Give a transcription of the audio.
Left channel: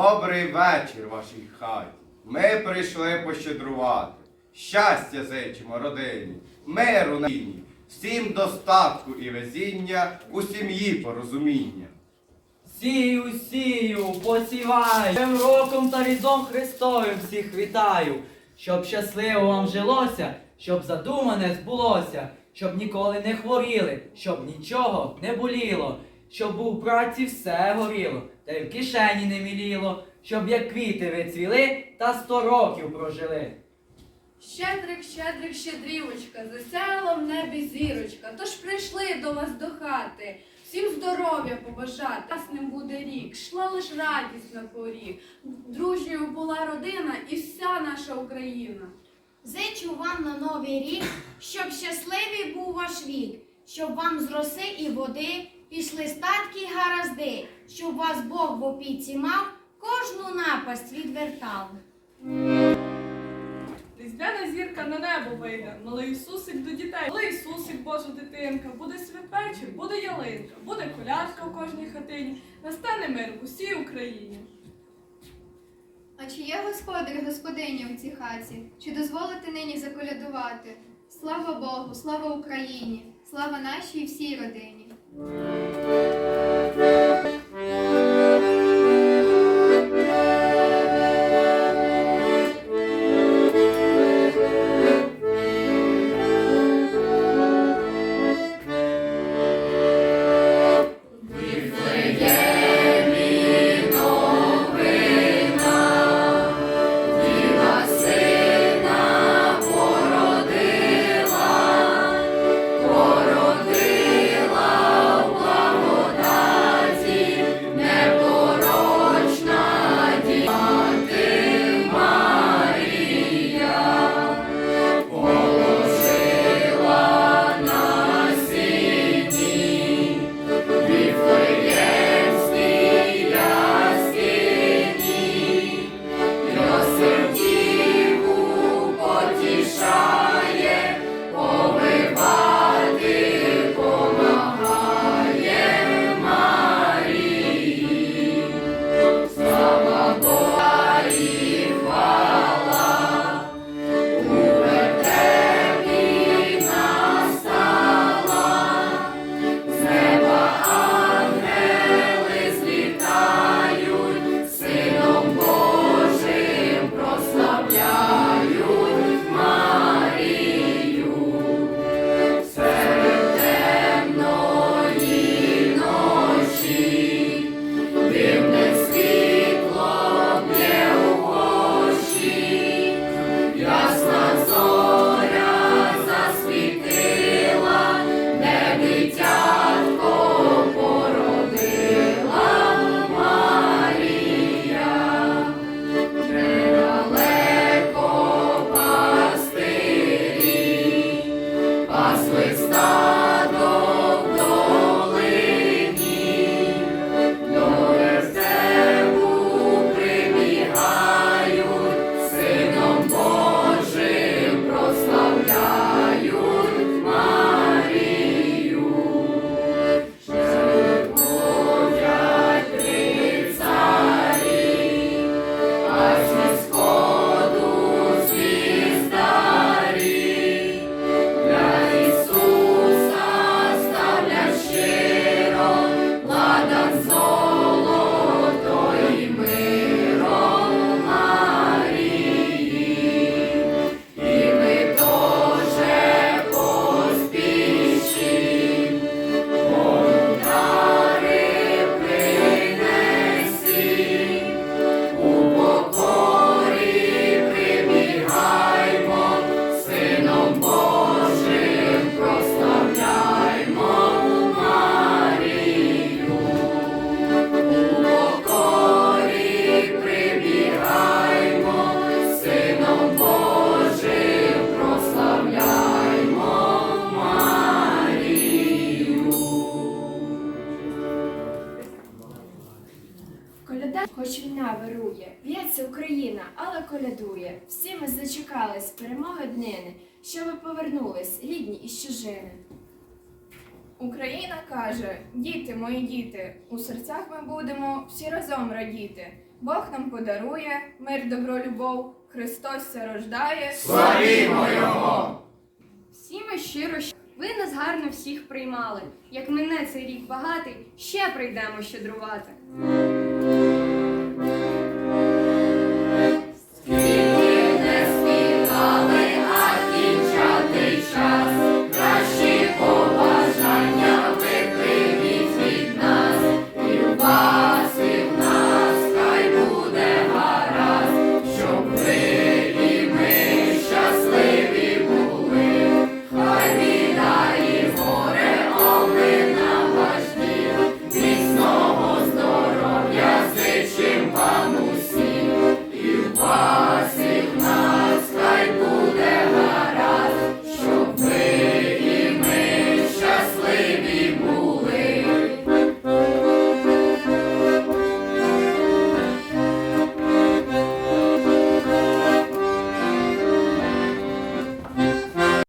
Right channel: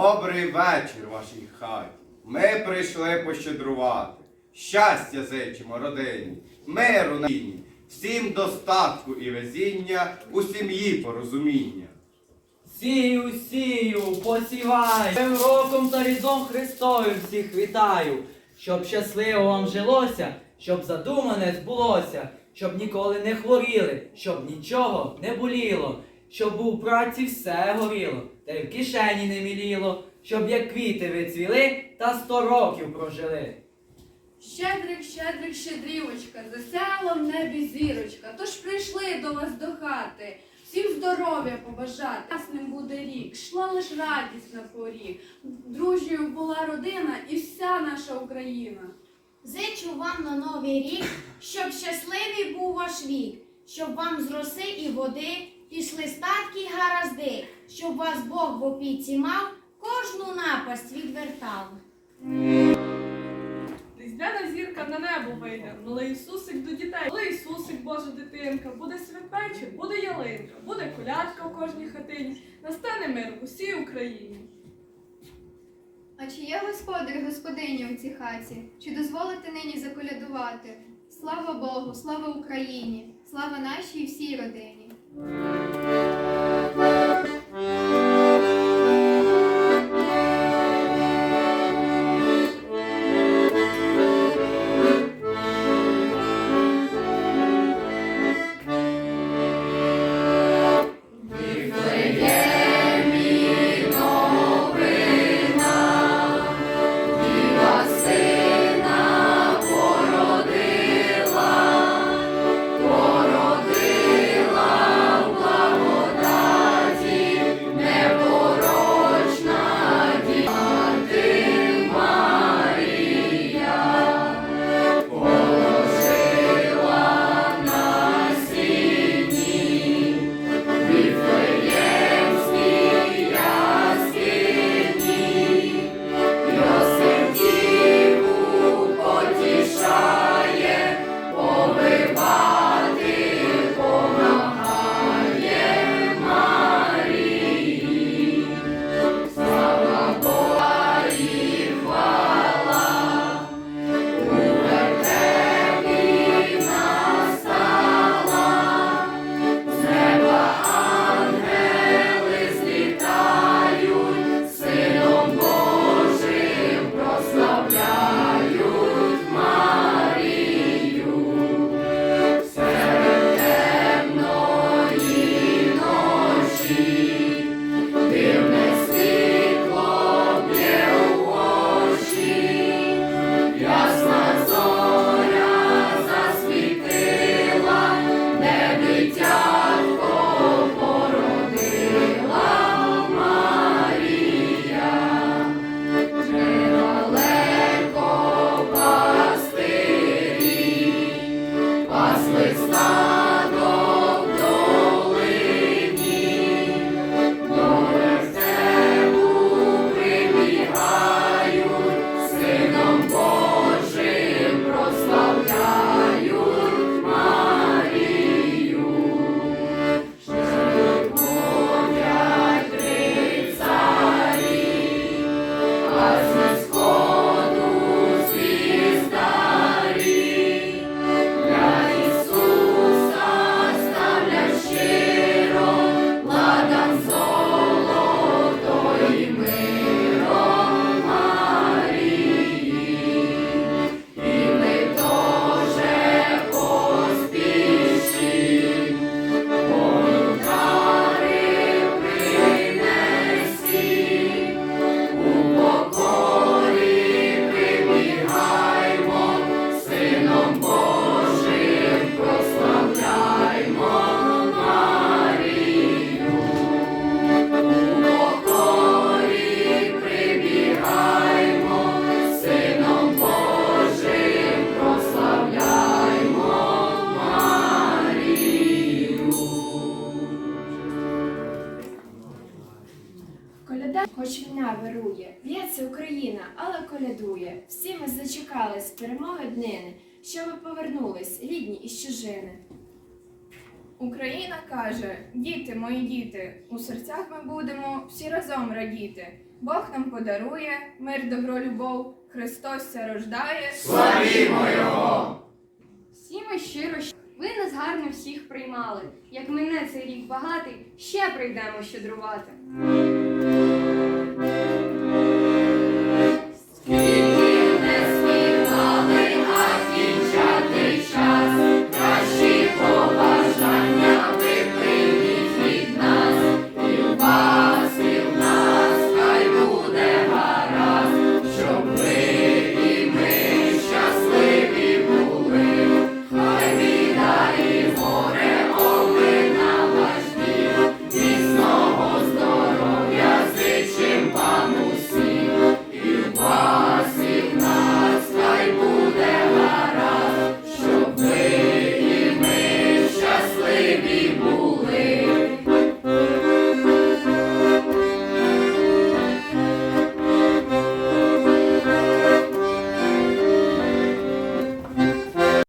вечір вашій хаті. Ми прийшли пощедрувати. Щастя зичимо родині, миру на війні, всім достатку і везіння, у сім'ї порозуміння. Сію, сію, посіваю, Новим роком та різдвом Христовим всіх вітаю, щоб щасливо вам жилося, щоб задумане збулося, щоб ніколи не хворіли, щоб нічого не боліло, щоб у праці все горіло, та й в кишені не міліло, щоб як квіти ви цвіли та сто років прожили. Щедрик, щедрик, щедрівочка, засяяла в небі зірочка. Тож прийшли до вас до хати, всім здоров'я побажати. Ясним буде рік, йшла лиш радість на поріг. Дружньою була родина і вся наша Україна. Зичу вам на новий рік, щоб щасливий був ваш вік, щоб вам з роси і води пішли статки й гаразди, щоб вас Бог в опіці мав, кожну напасть відвертав. Різдвяна зірка на небо вийде, малий Ісусик до дітей, малий Ісусик, Божа дитинка, буде святвечір, буде ялинка, буде колядка у кожній хатині, настане мир в усій Україні. А чи є господар і господиня у цій хаті? Чи дозволите нині заколядувати? Слава Богу, слава Україні, слава нашій всій родині. Thank you. God's. Хоч війна вирує, б'ється Україна, але колядує. Всі ми зачекались перемоги днини, щоби повернулись рідні із чужини. Україна каже: діти, мої діти, у серцях ми будемо всі разом радіти. Бог нам подарує мир, добро, любов, Христос ся рождає. Славімо Його! Всі ми щиро ви нас гарно всіх приймали. Як мене цей рік багатий, ще прийдемо щедрувати.